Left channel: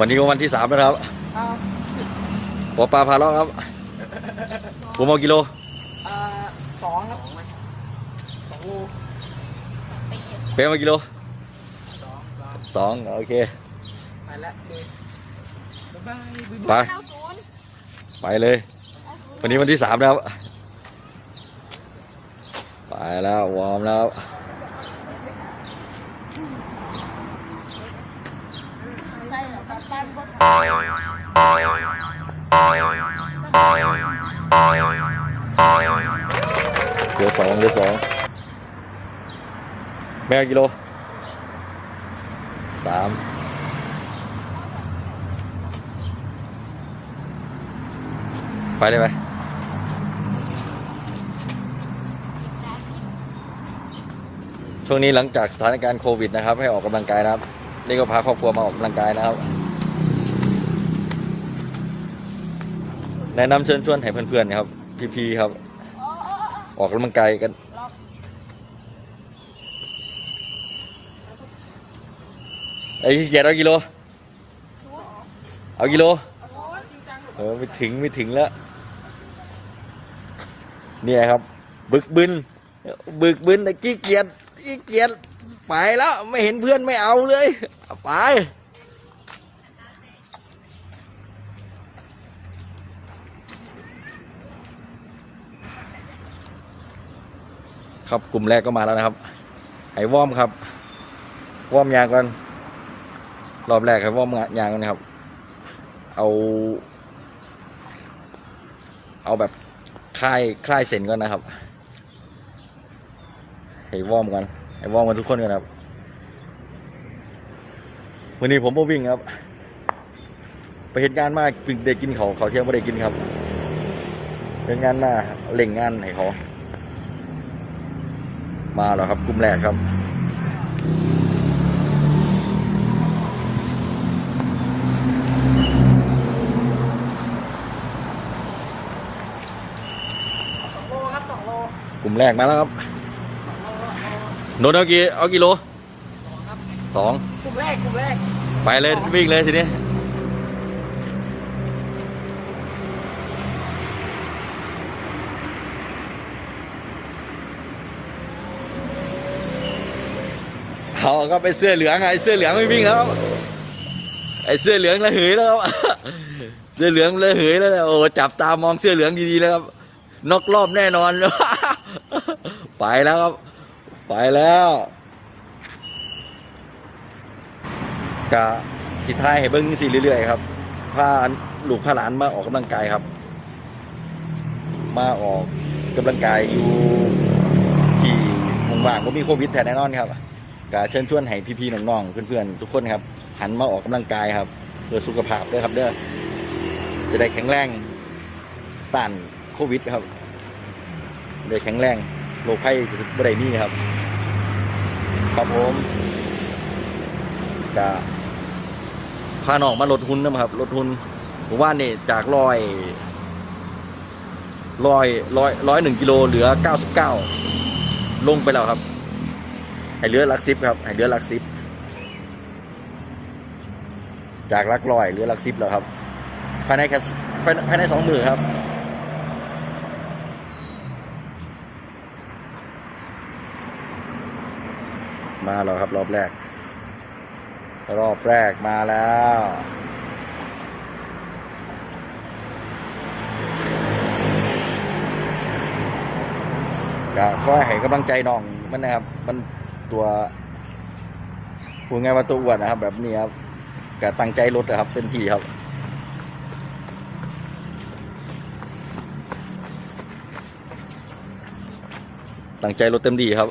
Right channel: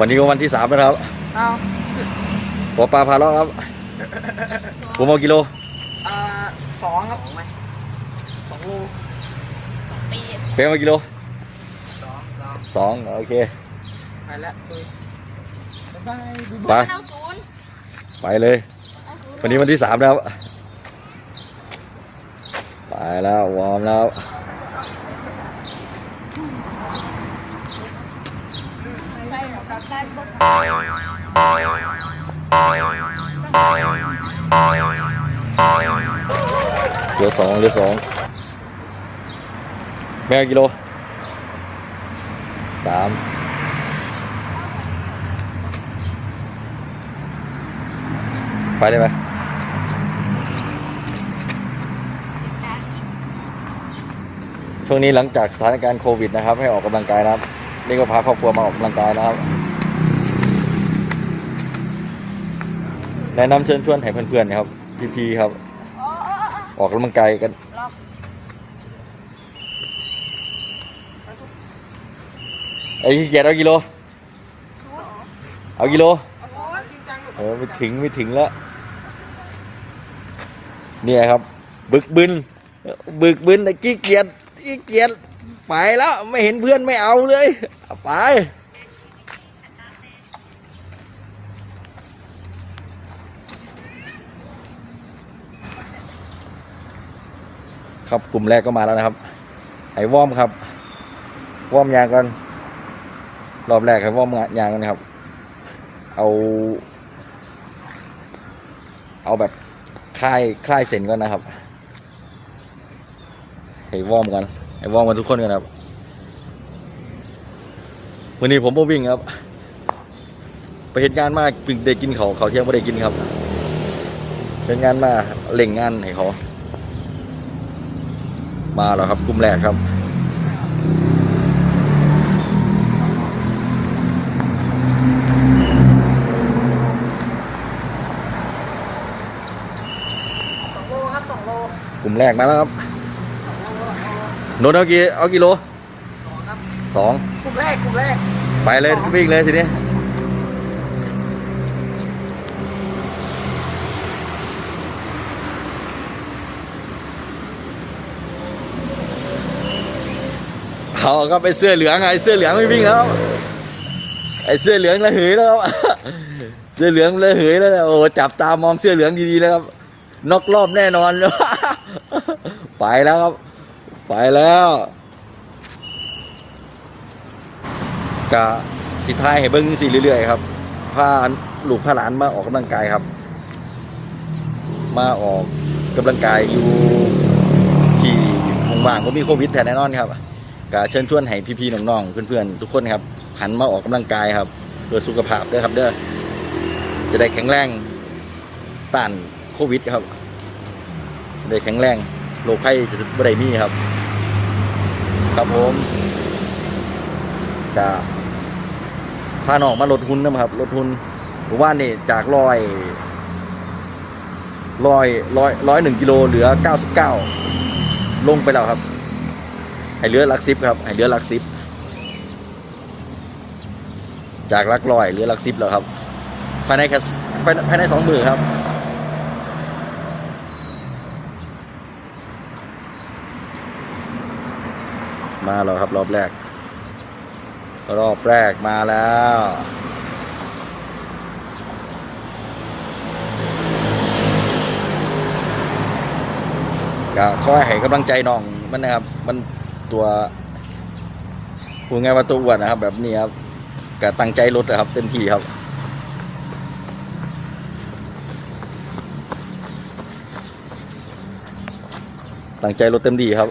วันนี้ก็วันที่สามแล้วนะครับเอาปอปลาพาเลาะครับผมเอากิโลอ่าสองครับผมสองโลปีเพียงเอากิโลสองสองสองโอเค ไปแล้วบ๊ายบายไปเอาศูนย์ไปเลย วันนี้วันที่สามแล้ว ไปแล้ววอร์มแล้ว ใส่ของกาแฟก็ เหลือสองเหลือสองแม่กิโลสามไปได้ไหมช่วงนี้หลังจากสถานการณ์โควิดนะครับ ให้ออกกำลังกายนะครับ นี่ก็พาครอบครัวมาออกกำลังกายนะครับ แนะนำเชิญชวนให้เพื่อนๆครับ พี่ๆครับ ออกกำลังกายกันล็อกไอ้เกียรเอากิโล เอากิโลเออไม่ถึงไม่ถึงแล้วเนี่ยครับ บึกบึนบึกบึนแต่ขี้เกียจขี้เกียจไปแล้วไม่เห็นเพื่อนไม่เอาเลยไป ครับกลุ่มแรกก็มาแล้วนะครับไอ้วอมครับวอมยางกันรอบแรกให้วอมยางกันนะครับ เอา เอาแบบคลายคลายเส้นก่อนนะครับให้วอมกันให้วอมกันทุกคนกันครับวันนี้ผมมาวิ่งครับ ไปเหตุการณ์มากเด้กินเขาเขาเที่ยงไม่ได้กินครับเป็นงานมาเล่งงานให้เขา มาแล้วครับกลุ่มแรกครับสองโลครับสองโลกลุ่มแรกมาแล้วครับสองโลสองโลโนนเอากี่เอากี่โลสองครับสองกลุ่มแรกกลุ่มแรกไปเลยวิ่งเลยทีนี้ เอาก็ไปเสื้อเหลืองไงเสื้อเหลืองไม่วิ่งแล้วไอ้เสื้อเหลืองระเหยแล้วครับเสื้อเหลืองระเหยแล้วโอ้จับตามองเสื้อเหลืองดีๆนะครับนอกรอบแน่นอนไปแล้วครับ ไปแล้วกะสิท้ายให้เบิ้งสิเรื่อยๆครับพาลูกพาหลานมาออกกำลังกายครับ มาออกกำลังกายอยู่ที่ว่างผมมีโควิดแต่แน่นอนครับ กะเชิญชวนให้พี่ๆน้องๆเพื่อนๆทุกคนครับหันมาออกกำลังกายครับเพื่อสุขภาพด้วยครับเด้อจะได้แข็งแรงต้านโควิดครับได้แข็งแรงโรคภัยจะไม่ได้มีครับ ครับผมกะพาน้องมาลดหุ้นนะครับลดหุ้นผมว่านี่จากร้อยร้อยร้อยร้อยหนึ่งกิโลเหลือเก้าสิบเก้าลงไปแล้วครับ ให้เหลือลักสิบครับให้เหลือลักสิบจากลักร้อยเหลือลักสิบแล้วครับภายในแค่ภายในภายในสองมือครับมาแล้วครับรอบแรก รอบแรกมาแล้วก็คอยให้กำลังใจน้องมันนะครับมัน ตัวพูดง่ายว่าตัวอ้วนนะครับ แบบนี้ครับก็ตั้งใจลดนะครับเต็มที่ครับตั้งใจลดเต็มที่ครับ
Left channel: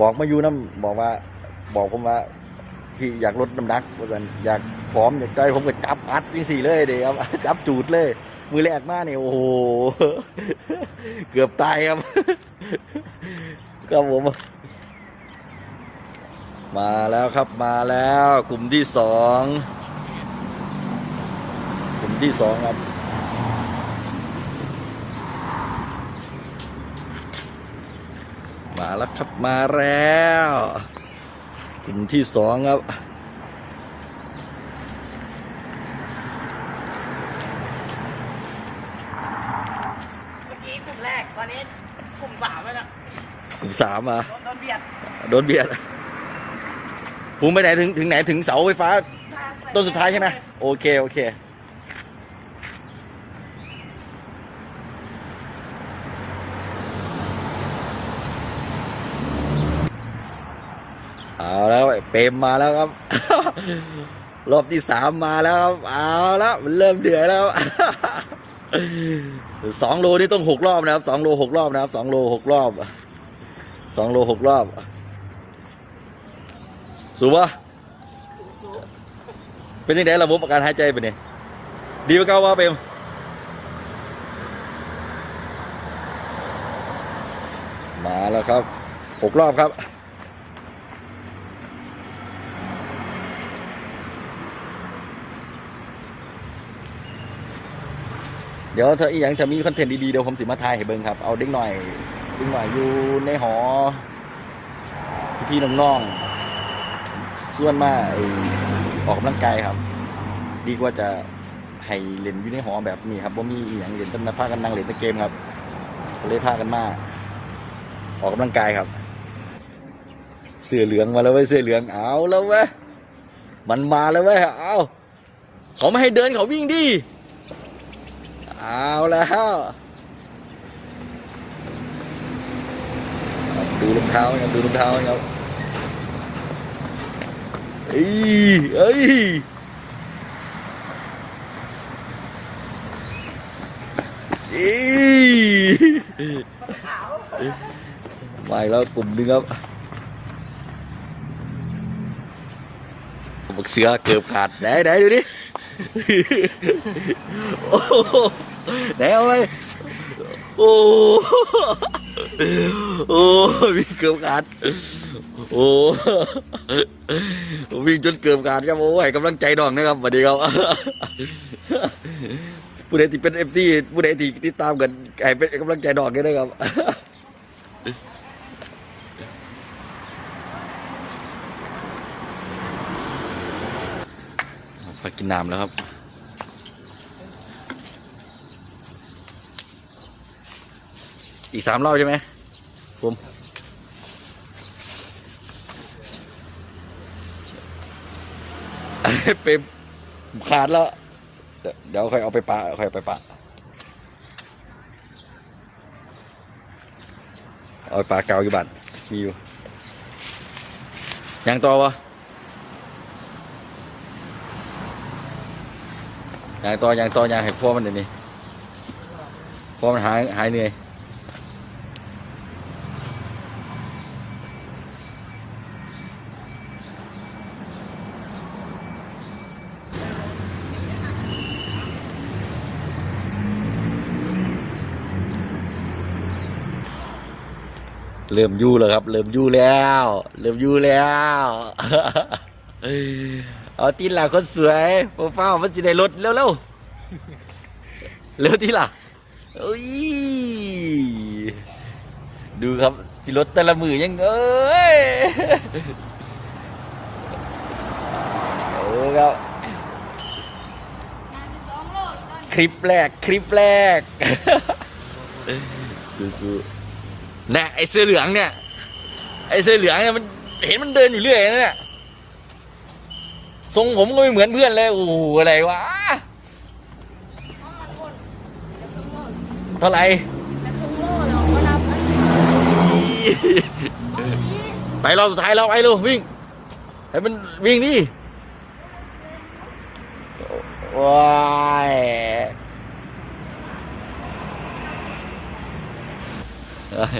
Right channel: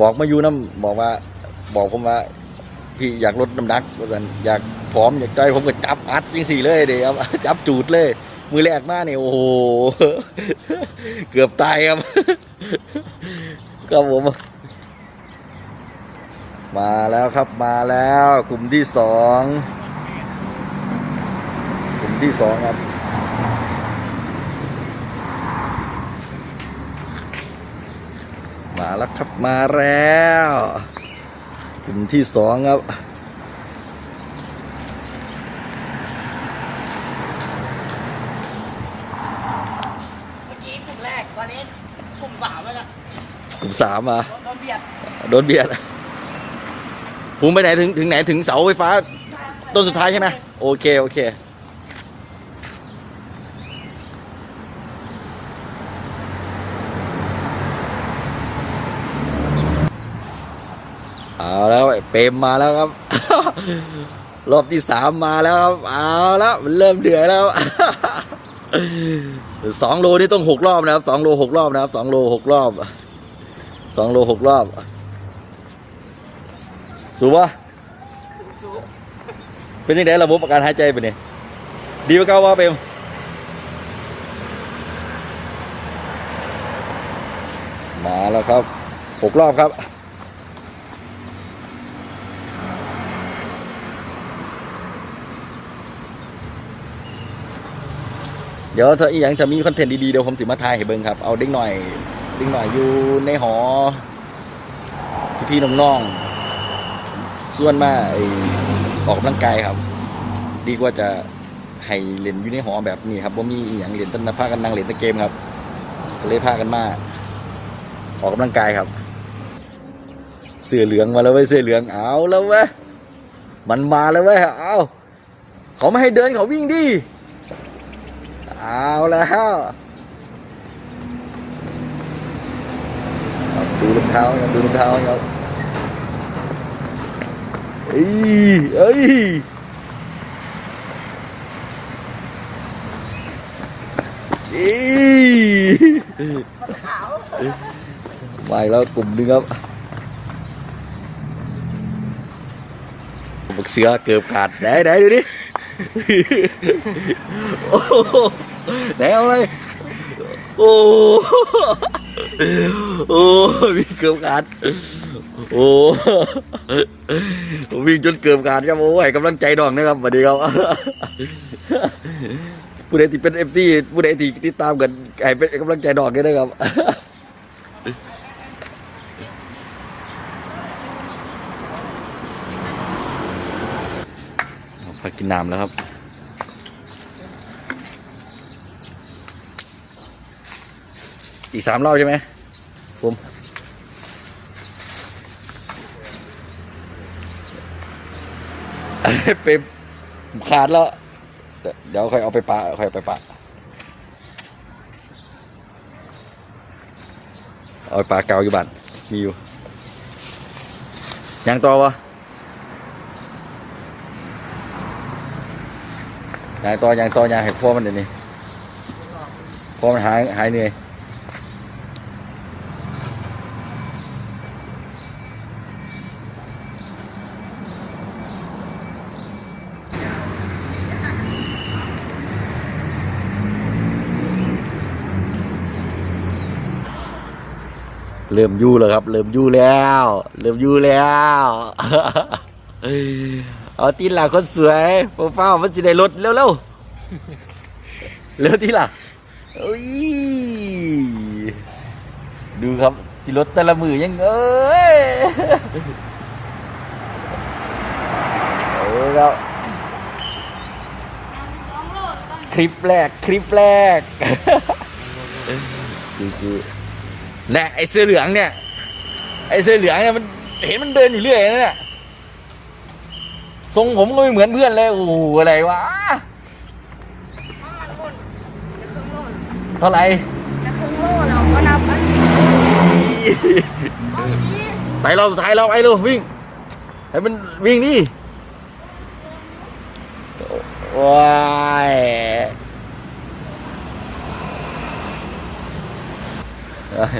บอกมาอยู่น้ำบอกว่า บอกผมว่า พี่อยากลดน้ำหนักกันอยากผอมอยากได้ผมก็จับอัดยังสี่เลยเดี๋ยวจับจูดเลย มือแรกมาเนี่ยโอ้โหเกือบตายครับครับผมมาแล้วครับมาแล้วกลุ่มที่สองกลุ่มที่สองครับมาแล้วครับมาแล้ว กลุ่มที่สองครับเมื่อกี้กลุ่มแรกตอนนี้กลุ่มสามแล้วนะกลุ่มสามอะโดนเบียดโดนเบียดภูมิไปไหนถึงถึงไหนถึงเสาไฟฟ้าต้นสุดท้ายใช่ไหมโอเค โอเค เอาแล้วไอ้เป รมมาแล้วครับ รอบที่สามมาแล้วครับเอาแล้วมันเริ่มเดือดแล้วสองโลนี่ต้องหกรอบนะครับสองโลหกรอบนะครับสองโลหกรอบสองโลหกรอบ สูบวะเป็นยังไงระบบการหายใจเป็นไงดีกว่าเก่าว่าเปมมาแล้วครับหกรอบครับ เดี๋ยวถ้าอีกอย่างจะมีคอนเทนต์ดีๆเดี๋ยวผมสิมาถ่ายให้เบิ่งครับ เอาเด็กหน่อยเด็กหน่อยอยู่ในหอ พี่ๆน้องๆส่วนมากออกกำลังกายครับ ดีกว่าจะให้เล่นอยู่ในหอแบบนี้ครับว่ามีอหย่างเล่นแต้นพากันนั่งเล่นแต่เกมครับเลยพากันมาออกกำลังกายครับ เสื้อเหลืองมาแล้วเว้ยเสื้อเหลืองเอาแล้วเว้ยมันมาแล้วเว้ยเอาเขาไม่ให้เดินเขาวิ่งดิ เอาแล้วดูรองเท้ายังดูรองเท้ายังเอ้ยเอ้ยอีมาอีกแล้วกลุ่มหนึงครับบึกเสือเกือบขาดไหนไหนดูดิ โอ้ ไหนเอาไปโอ้โหโอ้วิ่งเกือบขาดโอ้วิ่งจนเกือบขาดครับโอ้ยกำลังใจดองนะครับสวัสดีครับผู้ใดที่เป็นเอฟซีผู้ใดที่ติดตามกันให้เป็นกำลังใจดอกด้วยนะครับพักกินน้ำแล้วครับ อีกสามรอบใช่ไหมผมเป็นขาดแล้ว เดี๋ยวค่อยเอาไปปะค่อยเอาไปปะเอาปลาเกาอยู่บ้านมีอยู่ยังต่อวะยังต่อยังต่อยังให้พ่อมันเดี๋ยวนี้พ่อมันหายหายเหนื่อย เริ่มยู่แล้วครับ เริ่มยู่แล้ว เริ่มยู่แล้ว เอาตีหลังคนสวยโปรไฟล์มันจะได้ลดเร็วเร็วๆเร็วทีหล่ะดูครับที่รถแต่ละมือยังเอ้ยโอ้แล้วคลิปแรก คลิปแรกสู้ๆ และไอเสื้อเหลืองเนี่ย ไอเสื้อเหลืองเนี่ยมันเห็นมันเดินอยู่เรื่อยนะเนี่ยทรงผมก็ไม่เหมือนเพื่อนเลยโอ้โหอะไรวะเอามันคนเดี๋ยวสองโลเท่าไหร่เดี๋ยวสองโลเราก็นับไปเอาอย่างนี้ไปรอบสุดท้ายเราไปเร็ววิ่งให้มันวิ่งดิว้ายเอ้ย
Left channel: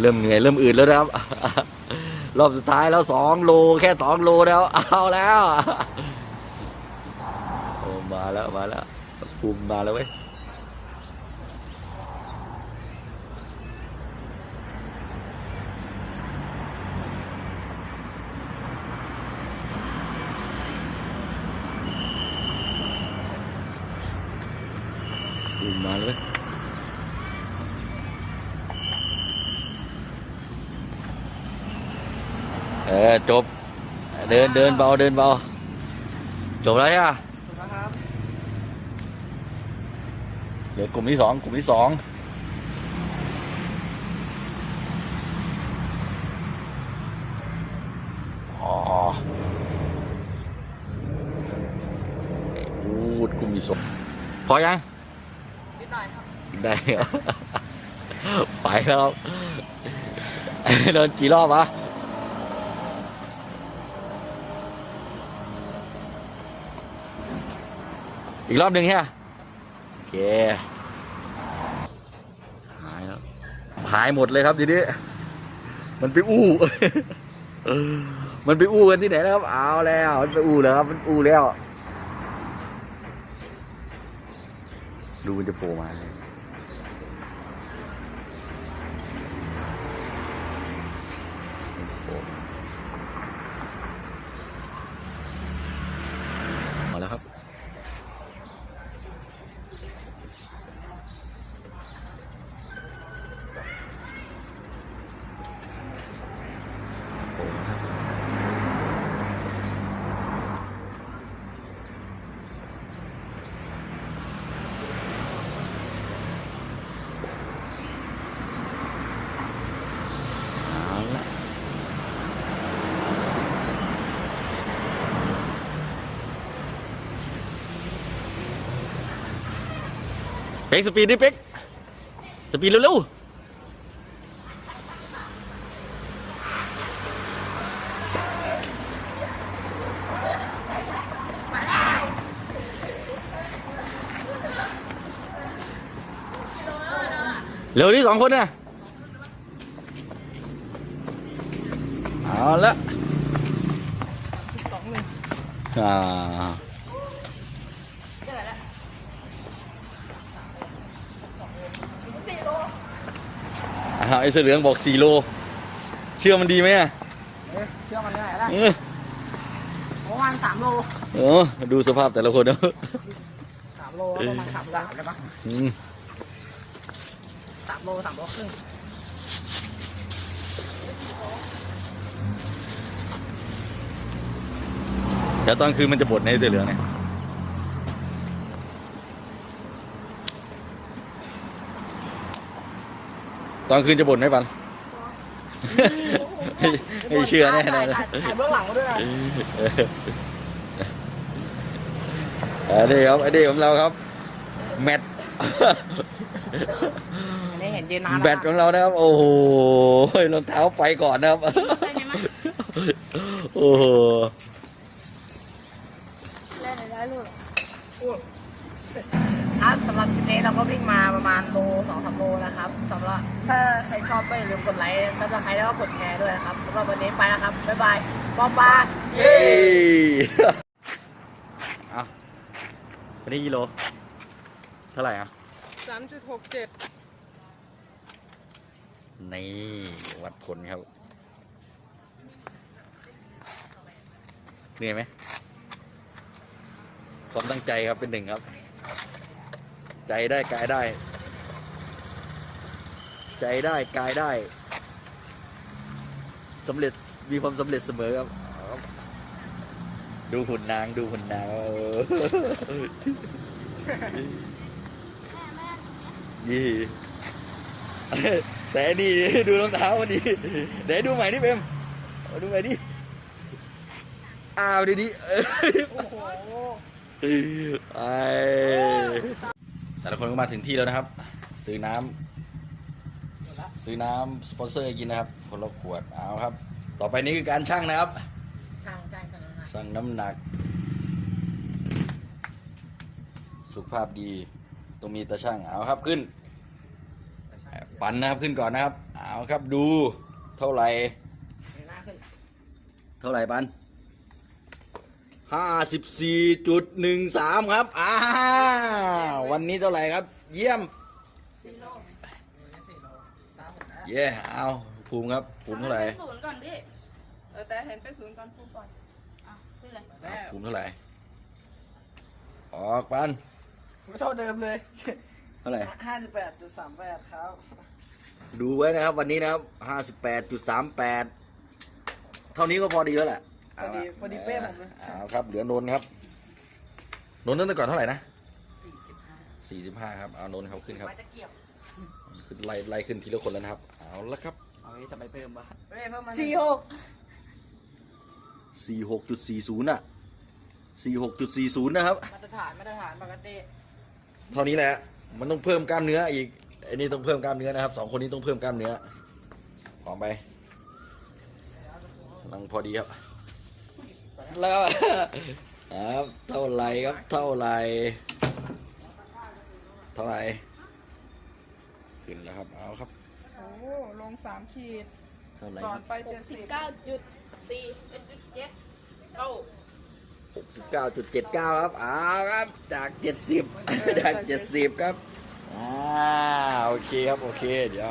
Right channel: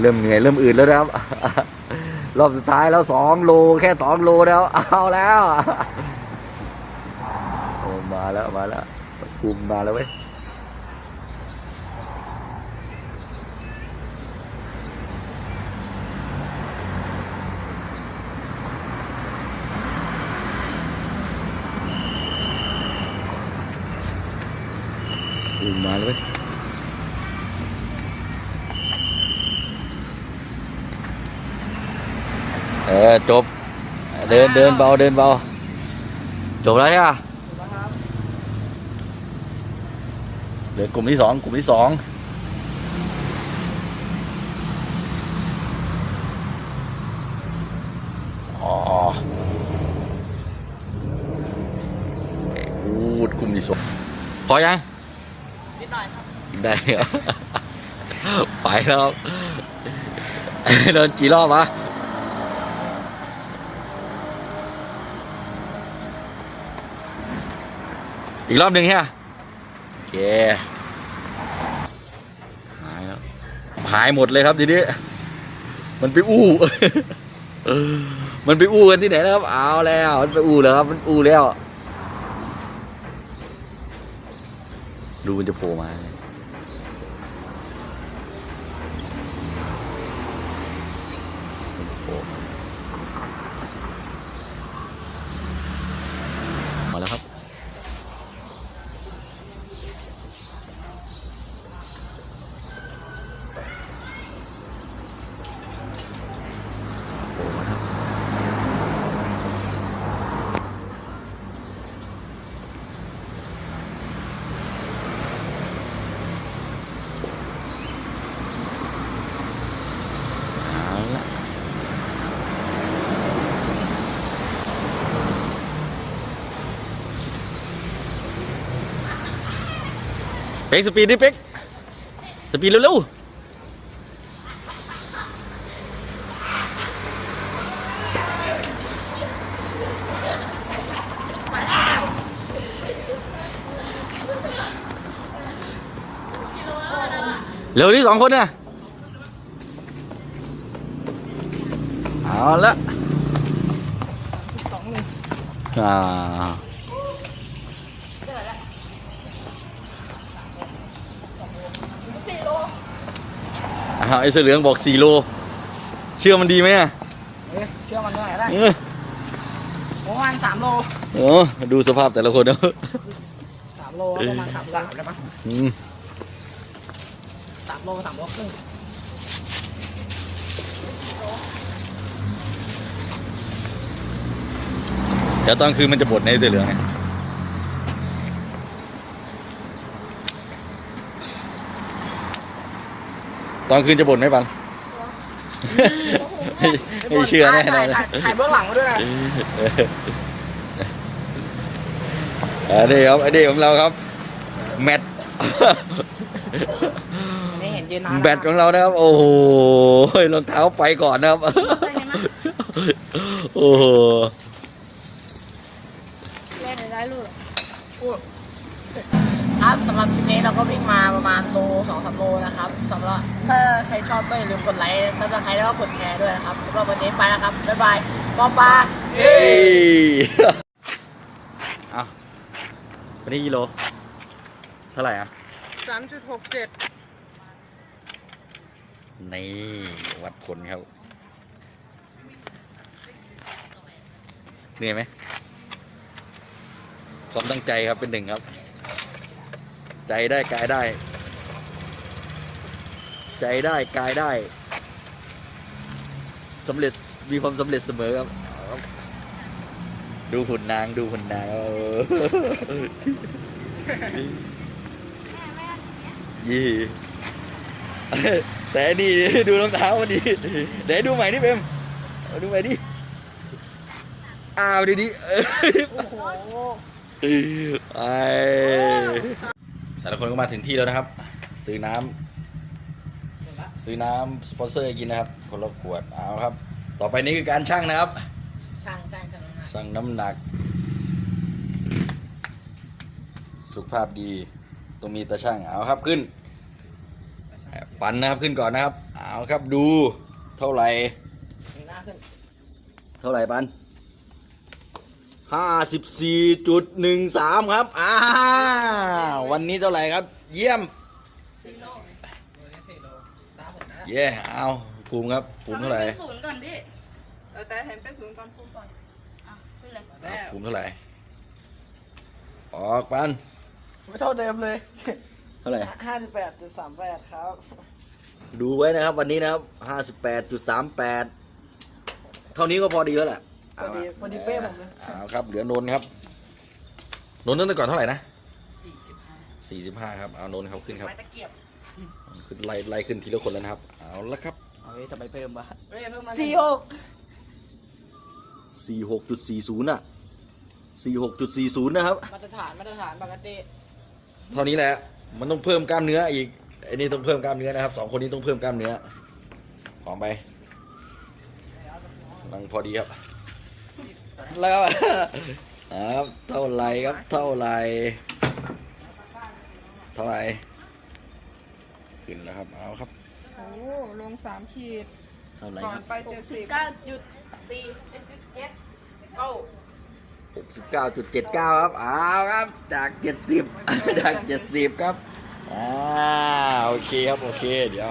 เริ่มเหนื่อยเริ่มอืดแล้วนะครับ รอบสุดท้ายแล้วสองโลแค่สองโลแล้ว เอาแล้วมาแล้วมาแล้วภูมิมาแล้วเว้ยภูมิมาแล้วเว้ย เออจบ เดินเดินเบาเดินเบา จบแล้วใช่ปะนะครับเหลือกลุ่มที่สองกลุ่มที่สองอ๋อพูดกลุ่มที่สองพอยังนิดหน่อยครับได้ครับไปแล้วครับโดนกี่รอบวะ อีกรอบหนึ่งใช่ไหมโอเคหายแล้วหายหมดเลยครับทีนี้ มันไปอู้มันไปอู้กันที่ไหนแล้วครับ เอาแล้ว มันไปอู้แล้วครับ มันอู้แล้ว ดูมันจะโผล่มาเลย เป็กสปีดดิเป็กสปีดเร็วๆเร็วที่สองคนน่ะเอาละจุดสองหนึ่ง อ่าอ่าไอ้เสื้อเหลืองบอกสี่โล เชื่อมันดีไหมอะเอ๊ะเชื่อมันได้ไหมเออประมาณสามโลโอ้ดูสภาพแต่ละคนนะสามโลประมาณสามสามเลยมั้งอืมสามโลสามโลครึ่งแล้วตอนคืนมันจะบดในเสื้อเหลืองเนี่ย ตอนคืนจะบ่นไหมปันไม่ไม่เชื่อแน่นถ่าอยนถ่ายถ่ายเบื้องหลังมาด้วยนะอันนี้ครับอันนี้ของเราครับ แมทไม่เห็นเจนนานแบตของเรานะครับ โอ้โหรองเท้าไปก่อนนะครับโอ้โหเล่ นได้ลูกครับสำหรับคลิปนี้เราก็วิ่งมาประมาณโลสองสามโลนะครับสำหรับถ้าใครชอบก็อย่าลืมกดไลค์ซับสไครต์แล้วก็กดแชร์ด้วยนะครับสำหรับวันนี้ไปแล้วครับ บ๊ายบายปอปลาเอ้ยอะวันนี้กิโล เท่าไหร่อะสามจุดหกเจ็ดนี่วัดผลครับเหนื่อยไหมความตั้งใจครับเป็นหนึ่งครับ ใจได้กายได้ ใจได้กายได้สำเร็จมีความสำเร็จเสมอครับ ดูหุ่นนางดูหุ่นนางยี่แต่นี่ดูรองเท้ามันดีเดี๋ยวดูใหม่นี่เปมเอาดูใหม่ดิอ้าวดีดีไอแต่ละ คนก็มาถึงที่แล้วนะครับ ซื้อน้ำซื้อน้ำสปอนเซอร์กินนะครับคนละขวดเอาครับ ต่อไปนี้คือการชั่งนะครับช่างช่างช่างนะชั่งน้ำหนัก สุขภาพดีต้องมีตาช่างเอาครับขึ้น ปันนะครับขึ้นก่อนนะครับเอาครับดูเท่าไหร่หน้าขึ้นเท่าไหร่ปัน ห้าสิบสี่จุดหนึ่งสามครับ อ่า วันนี้เท่าไหร่ครับ เยี่ยมสี่โลวันนี้สี่โลตาผมนะเย่เอาภูมิครับ ภูมิเท่าไหร่ศูนย์ก่อนพี่เออแต่เห็นเป็นศูนย์ตอนพูดก่อนอะไม่เลยเอาภูมิเท่าไหร่ ออกปันไม่เท่าเดิมเลย เท่าไหร่ห้าสิบแปดจุดสามแปดครับ ดูไว้นะครับวันนี้นะครับห้าสิบแปดจุดสามแปดเท่านี้ก็พอดีแล้วแหละ พอดีพอดีเป้ผมเลยเอาครับ เหลือนนท์ครับ นนท์ตั้งแต่ก่อนเท่าไหร่นะสี่สิบห้าสี่สิบห้าครับเอานนท์ครับขึ้นครับ ไม้ตะเกียบขึ้นไล่ไล่ขึ้นทีละคนแล้วนะครับ เอาละครับเฮ้ยทำไมเพิ่มวะเฮ้ยเพิ่มมาสี่หกสี่หกจุดสี่ศูนย์อะสี่หกจุดสี่ศูนย์นะครับ มาตรฐานมาตรฐานปกติ เท่านี้แหละ มันต้องเพิ่มกล้ามเนื้ออีกไอ้นี่ต้องเพิ่มกล้ามเนื้อนะครับสองคนนี้ต้องเพิ่มกล้ามเนื้อหอมไปนังพอดีครับ แล้วครับเท่าไหรครับเท่าไหรเท่าไหรขึ้นแล้วครับเอาครับโอ้ลงสามขีดเท่าไหรก่อคนรับไปเจ็ดสิบเก้าจุดสี่เอสเก้าหกสิบเก้าจุดเจ็ดเก้าครับเอาครับจากเจ็ดสิบจากเจ็ดสิบครับอ่าโอเคครับโอเคเดี๋ยว